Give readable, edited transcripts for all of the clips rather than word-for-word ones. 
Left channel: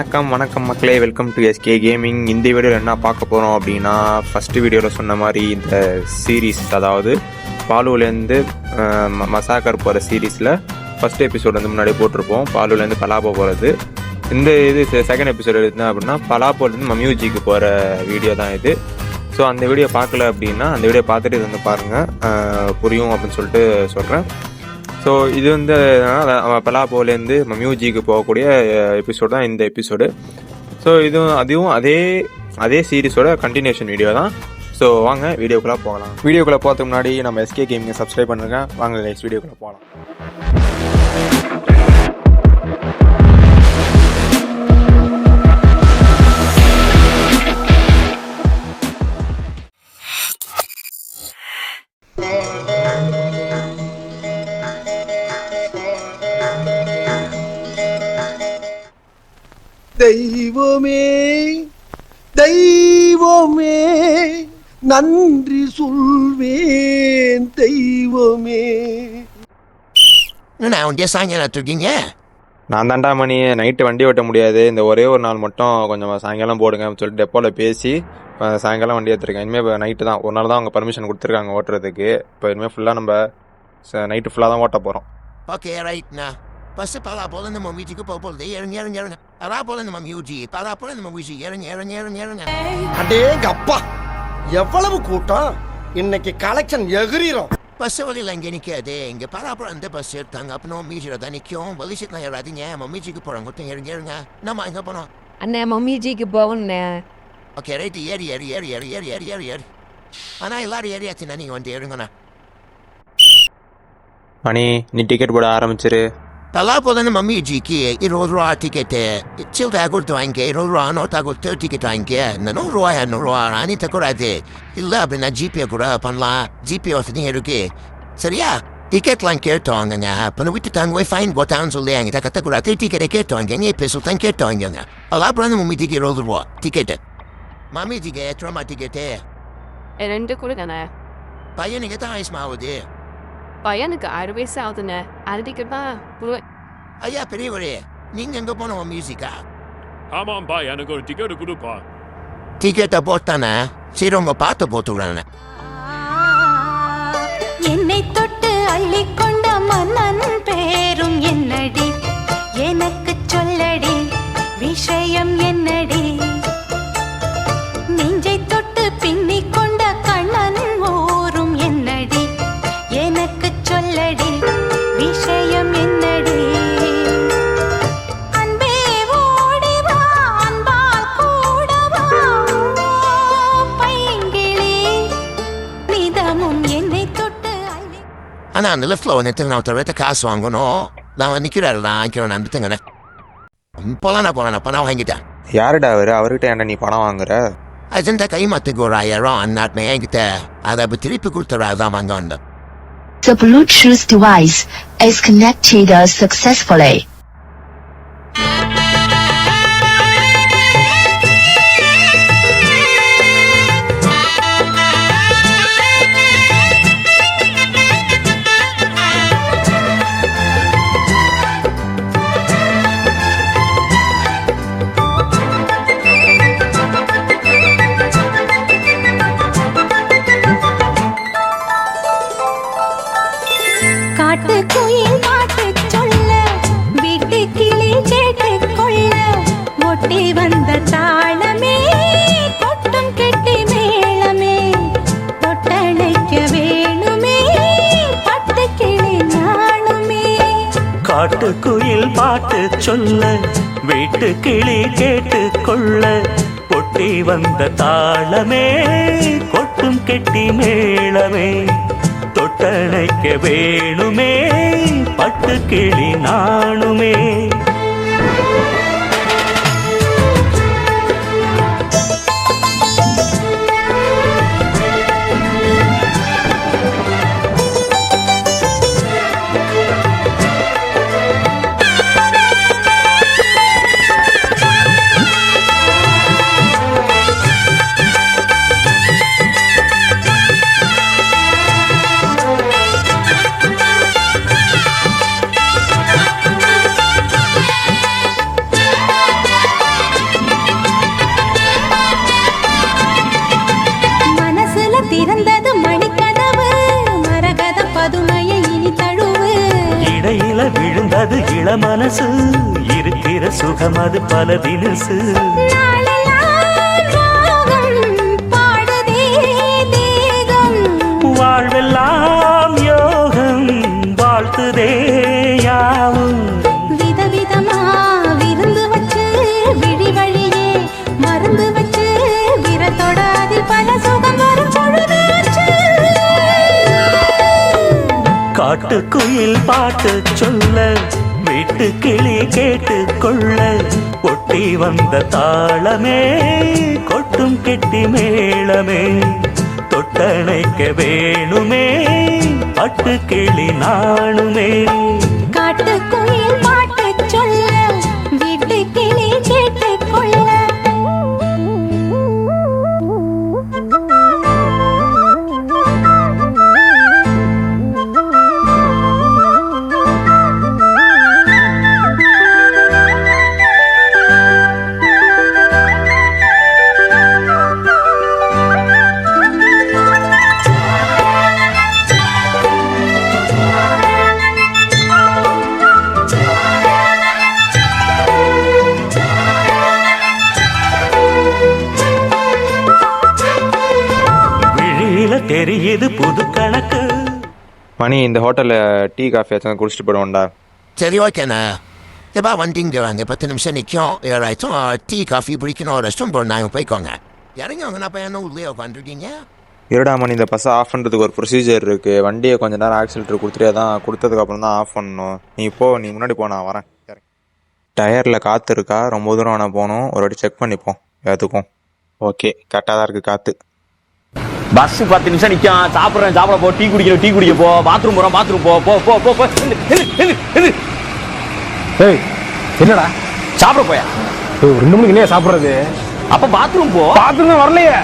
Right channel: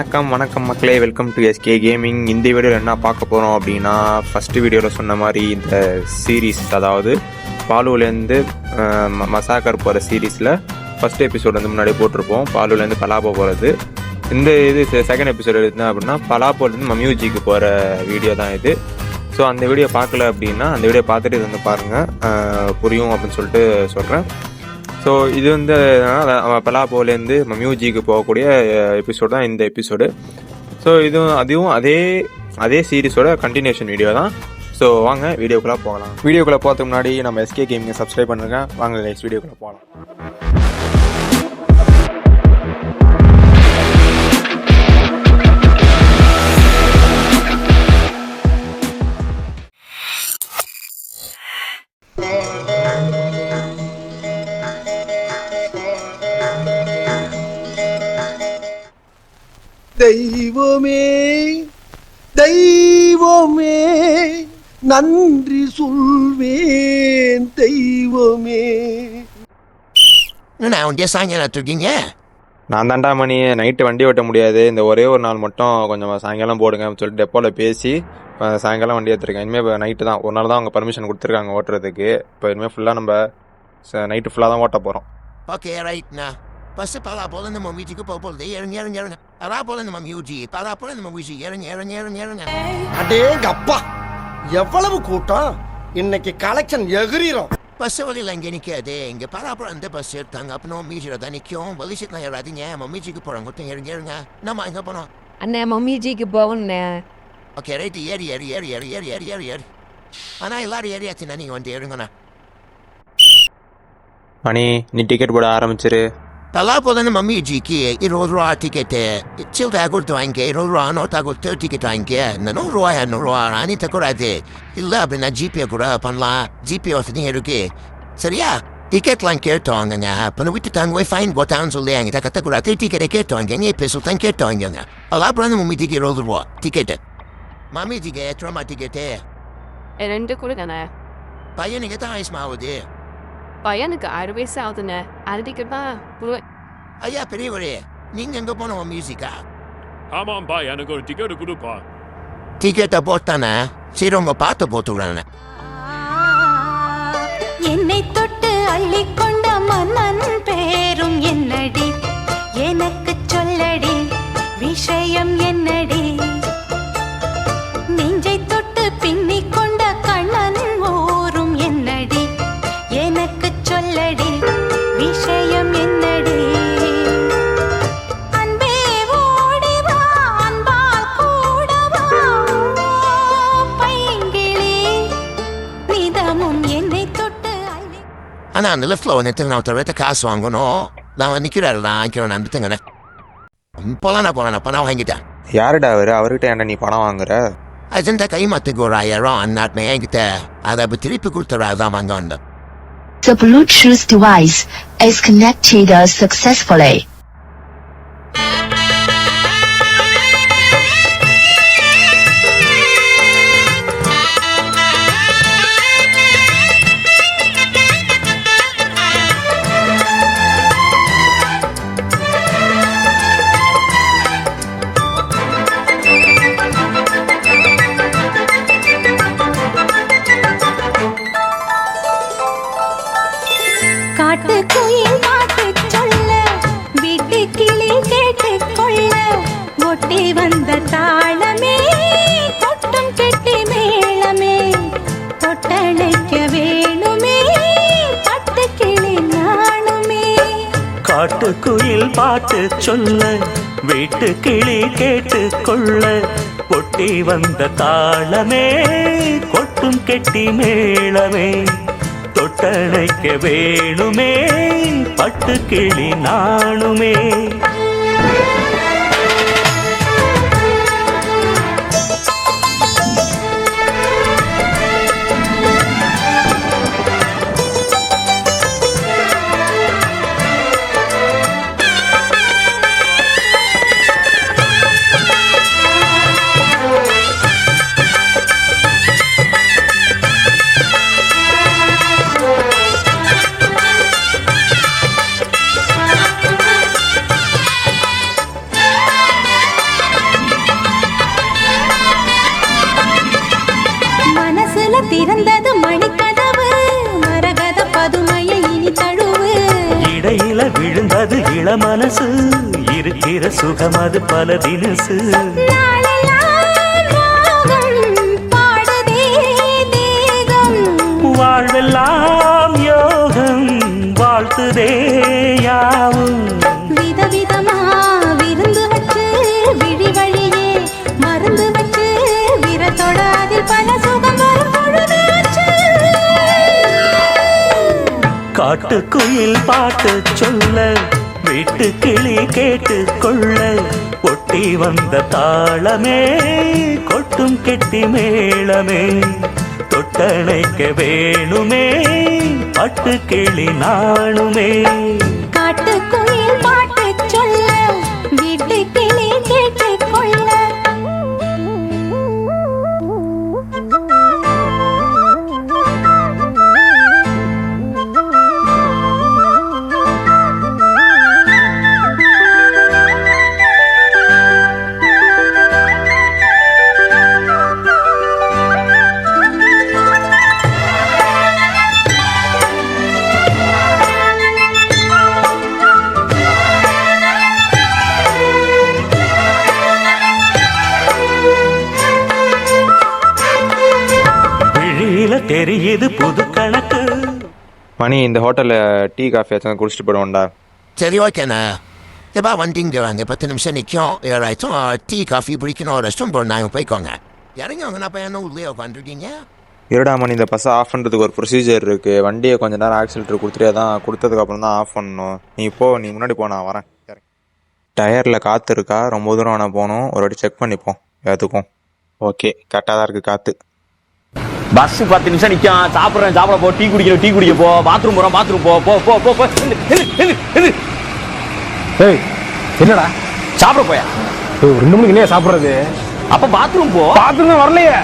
வணக்கம் மக்களே, welcome to SK gaming. இந்த வீடியோவில் என்ன பார்க்க போகிறோம் அப்படின்னா, ஃபஸ்ட்டு வீடியோவில் சொன்ன மாதிரி இந்த சீரீஸ், அதாவது பாலுலேருந்து மசாக்கர் போகிற சீரீஸில் ஃபஸ்ட் எபிசோடு வந்து முன்னாடி போட்டிருப்போம். பாலுலேருந்து பலாப்போ போகிறது. இந்த இது செகண்ட் எபிசோடு என்ன அப்படின்னா, பலாப்போலேருந்து மம்யூஜிக்கு போகிற வீடியோ தான் இது. ஸோ அந்த வீடியோ பார்க்கல அப்படின்னா அந்த வீடியோ பார்த்துட்டு இது வந்து பாருங்கள், புரியும் அப்படின்னு சொல்லிட்டு சொல்கிறேன். ஸோ இது வந்து பலாப்போலேருந்து மம்யூஜிக்கு போகக்கூடிய எபிசோடு தான் இந்த எபிசோடு. ஸோ அதுவும் அதே சீரீஸோட கண்டினியூஷன் வீடியோ தான். ஸோ வாங்க வீடியோக்குள்ளே போகலாம். வீடியோக்குள்ளே போகிறதுக்கு முன்னாடி நம்ம எஸ்கே கேமிங்கை சப்ஸ்கிரைப் பண்ணுங்க. வாங்க கைஸ், வீடியோக்குள்ளே போகலாம். தெய்வமே தெய்வமே நன்றி சொல்வேன் தெய்வமே. இருக்கீங்க? நான் தாண்டா மணி, நைட்டு வண்டி ஓட்ட முடியாது, இந்த ஒரே ஒரு நாள் மட்டும் கொஞ்சம் சாயங்காலம் போடுங்க அப்படின்னு சொல்லிட்டு டெப்போவில் பேசி சாயங்காலம் வண்டி எடுத்துருக்கேன். இனிமேல் இப்போ நைட்டு தான், ஒரு நாள் தான் அவங்க பர்மிஷன் கொடுத்துருக்காங்க ஓட்டுறதுக்கு. இப்போ இனிமேல் ஃபுல்லாக நம்ம நைட்டு ஃபுல்லாக தான் ஓட்ட போகிறோம். ஓகே ரைட்ண்ணா. ஃபஸ்ட்டு பலாப்போல நம்ம வீட்டுக்கு போகும்போது இறங்க பலாப்போல நம்ம மியூஜி பலாப்போல நம்ம வீசி இறங்க. அடேங்க அப்பா, எவ்வளவு கூட்டம்! இன்னைக்கு கலெக்ஷன் எகிரிரும். பஸ் வழியில் இங்கே நிற்காது. இங்கே பலாப்பழம் இந்த பஸ் எடுத்தாங்க, அப்புறம் மீஜியில் தான் நிற்கும். வலிசிட்டு யாராதீங்க மம்மிஜிக்கு போகிறோம், கொத்தம் இறங்க. நம்ம எங்கே போனோம்? அண்ணே மம்மிஜிக்கு போகணுண்ணே. ஓகே ரைட்டு, ஏறி. ஆனால் எல்லாரும் ஏறியாச்சுண்ணா, நீங்கள் வந்து இறங்கண்ணா. மணி, நீ டிக்கெட் போட ஆரம்பிச்சிரு. பலாப்போலன்னு மம்மிஜிக்கு 20 ரூபா டிக்கெட்டு. சில்லறை கொடுத்து வாங்கிக்க, 20 ரூபா நோட்டா கொடுத்து டிக்கெட் வாங்கிக்க. இந்த 100 ரூபா 200 ரூபா அனித்த கூடாது. இல்லை அப்படின்னா ஜிபே கூட பண்ணலாம், ஜிபே வசதி இருக்கு. சரியா? டிக்கெட்லாம் கேட்டோங்க. அப்போ விட்டுட்டாங்க, ஃபைன் போட்டான்னு சொல்லி என்கிட்ட கட்டக்கூடாது. டிக்கெட்டை கேட்டோங்க, நீ பேசுத்தான் கேட்டோங்க. பலாப்போலன்னு மம்மிஜிக்கு 20 ரூபா டிக்கெட்டு. மம்மிஜிக்கு எத்தனை ரூபா டிக்கெட்டு? 2 கொடுங்கண்ணே. பையனுக்கு தான் வயசுமாகுது. பையனுக்கு 6 வயசு ஆகுதுண்ணே. அது டிக்கெட் தான் கொடுவேன். ஐயா பெரியவரே, நீங்க எங்க போனோம் மியூசிக்கா? ஆமாம்பா, எனக்கு ஒரு டிக்கெட் கொடுப்பா. டிக்கெட்டை போட்டானே, சரி உங்க பார்த்து போட்டுவிடானே. என்னை தொட்டு அள்ளிக்கொண்ட மன்னன் பேரும் என்னடி, எனக்கு சொல்லடி விஷயம் என்னடி. நெஞ்சை தொட்டு பின்னிக் கொண்ட கண்ணன் ஊரும் என்னடி, எனக்கு சொல்லடி விஷயம் என்னடி. அன்பே ஓடிவா, அன்பால் கூடவா பைங்கிளி, நிதமும் என்னை தொட்டு அள்ளி. ஆனா அந்த லெஃப்ட்ல வந்துட்டு நான் ஒருத்தர் காசு வாங்கணும். நான் நிற்கிறாரு, நான் வாங்கிக்கிறேன். நான் விட்டுங்கண்ணே. போலாண்ணா பணம் வாங்கிட்டேன். யாருடா அவர்கிட்ட என்ன நீ பணம் வாங்குற? அஜெண்டா கைமாத்துக்கு ஒரு 1000 அந்நாட்டுமே என்கிட்ட. அதை திருப்பி கொடுத்துறா தான் வாங்க வந்தேன். The Bluetooth device is connected successfully. மணி இந்த ஹோட்டலில் டீ காஃபி ஏதாச்சும் குடிச்சிட்டு போயிடுவோம்டா. சரி ஓகேண்ணா. எப்பா வண்டிங்கிறாங்க 10 நிமிஷம் நிற்கும். ஏதாச்சும் டீ காஃபி பிடிக்கணும் ரெஸ்டாரண்ட் போகிறோம். நாங்கள் போய்க்கோங்க. இறங்கிவாங்கண்ணா. அப்போ என்ன உள்ளே உட்காந்துருக்கீங்க? இருடா மணி, இந்த பஸ்ஸை ஆஃப் பண்ணுறதுக்கு ஒரு ப்ரொசீஜர் இருக்குது. வண்டியை கொஞ்சம் நேரம் ஆக்சிலேட்டர் கொடுத்துட்டே தான், கொடுத்ததுக்கப்புறம் தான் ஆஃப் பண்ணணும். நீ முன்னாடி போ, நான் வரேன். டயரில் காற்று இருக்கா? ரொம்ப தூரம் வேணால் போகணும். ஒரு வாட்டி செக் பண்ணிப்போம் எல்லாத்துக்கும். ஓகே, கரெக்டாக தான் இருக்குது காற்று. பஸ் 10 நிமிஷம் நிற்கும். சாப்பிட போ, டீ குடிக்க போ, பாத்ரூம் போ போ போ போ போ. ஏய் என்னடா சாப்பிட போயா? 2 மணிக்கு என்ன சாப்பிட்றது? அப்ப பாத்ரூம் போ. பாத்ரூம் தான் வரலையே.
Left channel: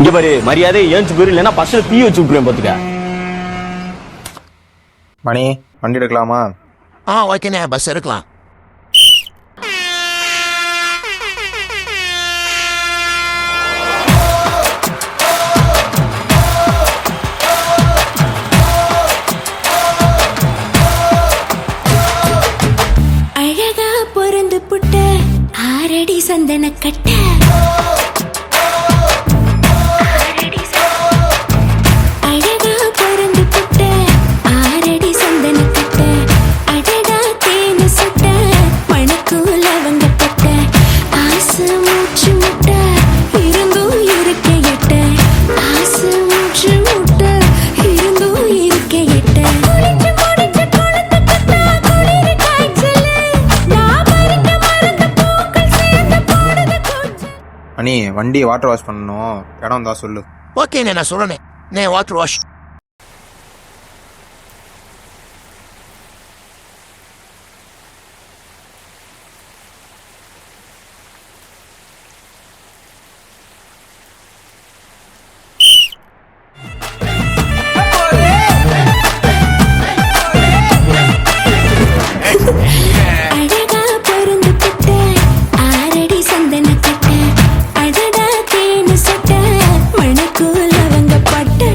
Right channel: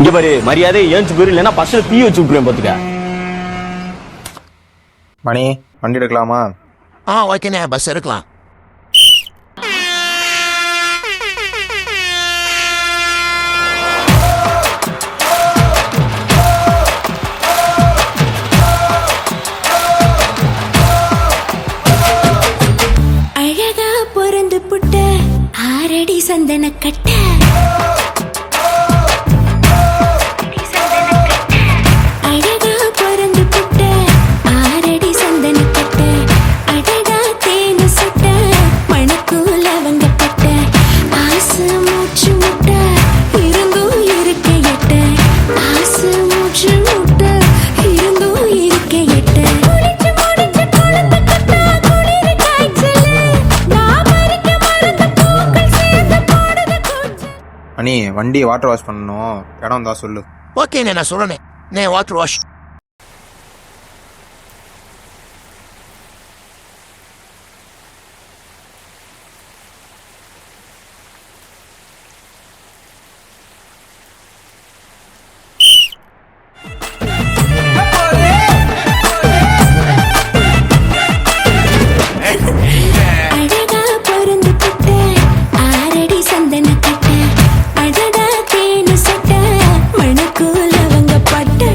இங்க பாரு, மரியாதை ஏஞ்சி போயிரு, இல்லைன்னா பஸ்ல தீ வச்சு விட்டுருவேன் பாத்துக்க. மணி, வண்டி எடுக்கலாமா? ஓகேண்ணே, பஸ் எடுக்கலாம். அழகா பொறந்து புட்ட 6 அடி சந்தன கட்ட அழகா பொறந்து புட்ட 6 அடி சந்தன கட்ட அடடா தேனு சுட்ட மணக்கூல வங்கப்பட்ட ஆசை மூச்சு முட்ட இருந்தும் இருக்க எட்ட ஆசை மூச்சு முட்ட இருந்தும் இருக்க எட்ட குளிச்சு முடிச்சு குளத்து கட்டா குளிர் காய்ச்சல் நான் பறிக்க மறந்த பூக்கள் சேர்ந்து போடுது கொஞ்சம். மணி, வண்டி வாட்டர் வாஷ் பண்ணணும். இடம் தான் சொல்லு. ஓகேண்ணே, நான் சொல்கிறேன். Water wash. அழகா பொறந்து புட்ட 6 அடி சந்தன கட்ட அடடா தேனு சட்ட மணக்கூல வங்கப்பட்ட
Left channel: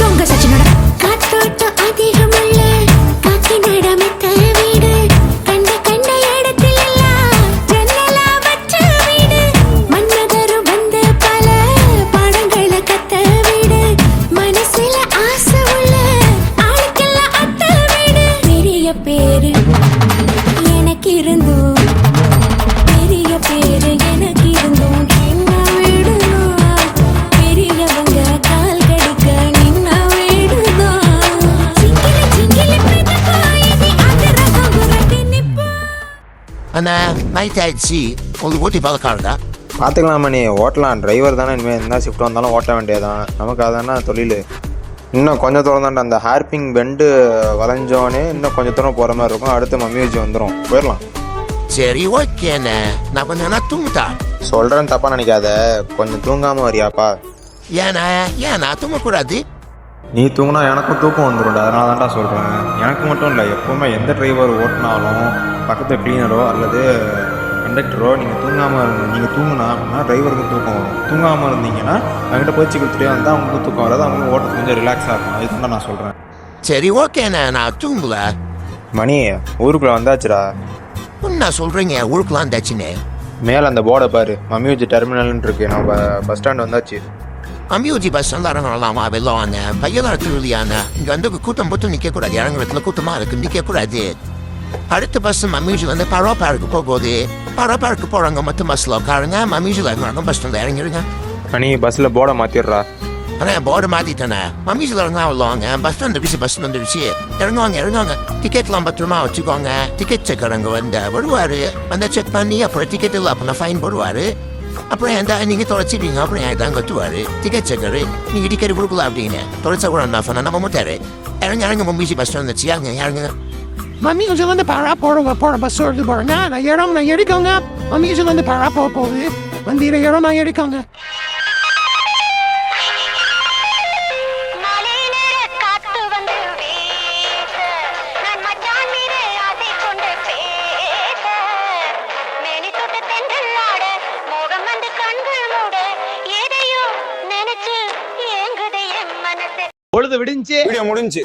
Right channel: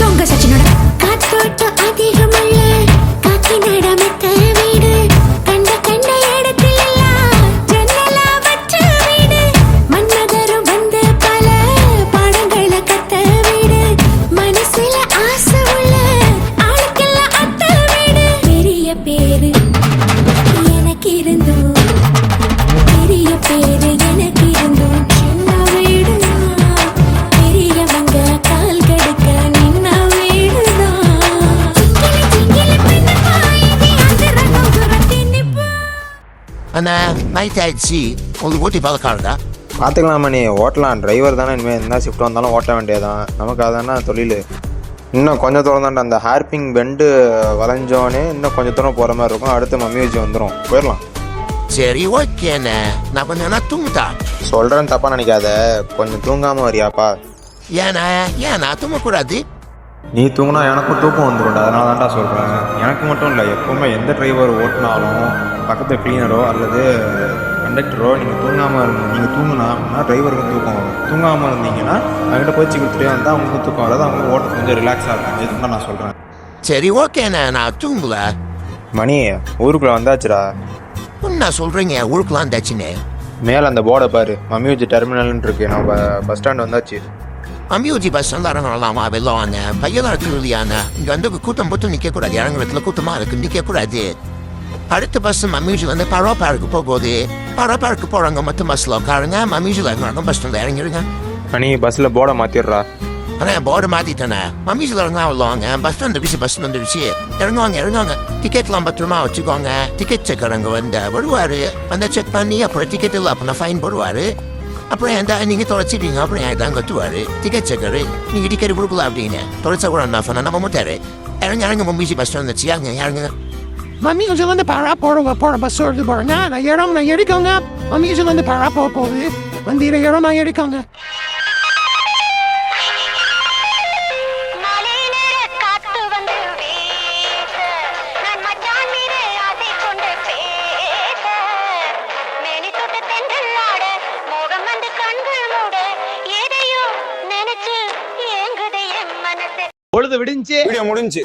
தொங்க சச்சினோட காத்தோட்டம் அதிகமல்ல காக்கி நடமித்த வீடு கண்ட இடத்துல எல்லாம் ஜன்னலா வச்ச வீடு மன்மதரும் வந்து பல பாடங்களை கத்த வீடு மனசுல ஆசை உள்ள ஆளுக்கெல்லாம் அத்த வீடு பெரிய பேரு எனக்கு இருந்தும் பெரிய பேரு எனக்கு இருந்தும் சின்ன வீடுதான் பெரியவங்க கால் கடுக்க நின்ன வீடுதான் சிங்கிலி பின்னமா இனி அதிரகம் புரட்டி நிப்பா. அண்ணா, நைட் ஆயிடுச்சு. உங்களுக்கு ஓட்டி பழக்காருடா? பார்த்துக்கலாம் மணி, ஓட்டலாம். டிரைவர் தானே, இனிமேல் என்ன ஷிஃப்ட் வந்தாலும் ஓட்ட வேண்டியதான். நமக்கு அதானே தொழில். இன்னும் கொஞ்சம் தூரம் தான்டா. அந்த ஹேர்பிங் பெண்டு வளைஞ்சோன்னே இன்னும் கொஞ்சம் தூரம் போகிற மாதிரி இருக்கும். அடுத்து மம்மியூஜி வந்துடும், போயிடலாம். சரி ஓகேண்ணே, நான் கொஞ்சம் நேரம் தூங்கிட்டான். சொல்கிறேன்னு தப்பாக நினைக்காத, கொஞ்சம் தூங்காமல் வரியாப்பா? ஏன்னா தூங்கக்கூடாது? நீ தூங்கினா எனக்கும் தூக்கம் வந்துடும்டா. அதனால தான்டா சொல்கிறேன். எனக்கு மட்டும் இல்லை, எப்போவுமே எந்த டிரைவர் ஓட்டினாலும் பக்கத்தில் க்ளீனரோ அல்லது கண்டக்டரோ நீங்கள் தூங்கினா அப்படின்னா டிரைவருக்கும் தூக்கம் வரும். தூங்காமல் இருந்தீங்கன்னா அவங்ககிட்ட போய்ச்சி கொடுத்துட்டே வந்தால் அவங்களுக்கும் தூக்கம் வராது. அவங்களுக்கும் ஓட்டுறது கொஞ்சம் ரிலாக்ஸாக இருக்கும். இதுதான் நான் சொல்கிறேன். சரி ஓகேண்ணே, நான் தூங்கல. மணி, ஊருக்குள்ளே வந்தாச்சுடா. என்ன சொல்கிறீங்க? ஊருக்குலாம் தாச்சுண்ணே. மேலே அந்த போர்டை பாரு, மம்மியூஜி டெர்மினல்னு இருக்கு. நம்ம பஸ் ஸ்டாண்ட் வந்தாச்சு. அம்யூஜி பஸ் வந்து இறங்கலாமா? வெளில வாங்க. பையெல்லாம் திருவிழியாண்ணா. இங்கே வந்து கூட்டம் போட்டு நிற்கக்கூடாது. இறங்குறதுல கூட்டமாக இருக்குது, நிற்கக்கூடாது. அடுத்த பஸ் மம்மியூஜி வந்து பரோப்பாருக்கு போகுது. பரோப்பாருக்கு போகிறவங்க மட்டும் பஸ்ஸில் உட்காருங்க. மம்மியூஜில் இறங்குறாங்க, பஸ் ஸ்டாண்டில் இறங்கிடுங்க. மணி, பஸ்ஸில் போர்டை மாற்றிடுறா. ஆனால் போர்டு மாற்றிட்டேண்ணே. மம்மியூஜில் இறங்கினா வருவாங்க. பஸ் ஸ்டாண்ட் வந்துடுச்சு, பஸ் வந்துடுச்சு. இறங்குவாங்க. டிக்கெட்லாம் பத்திரமா வச்சுக்கோங்க. டிக்கெட் செக்கர் அங்கே வருவார். வந்து செக் பண்ணி அப்புறம் டிக்கெட் இல்லை அப்படின்னா ஃபைன் போடுவார். அப்புறம் நீங்கள் தொலைச்சிட்டீங்க அப்புறம் தான் கட்டுவார் டிக்கெட் செக்கரு. நீங்கள் டிக்கெட் கொடுக்கல அப்படின்னு தொலைச்சா கூட என்ன சொன்னால் நம்ம முட்டாரு. இறங்க மம்மியூஜி பஸ் ஸ்டாண்ட் வந்துச்சு. இறங்குங்க. மம்மியூஜிலேருந்து பாரா போகிற பஸ் வருது பாருங்க. நான் எடுக்கோங்க. மம்மியூஜிலேருந்து பாரா போகுது. வண்டியில் இடம் நான் எடுக்கோங்க. வீடியோ முடிஞ்சு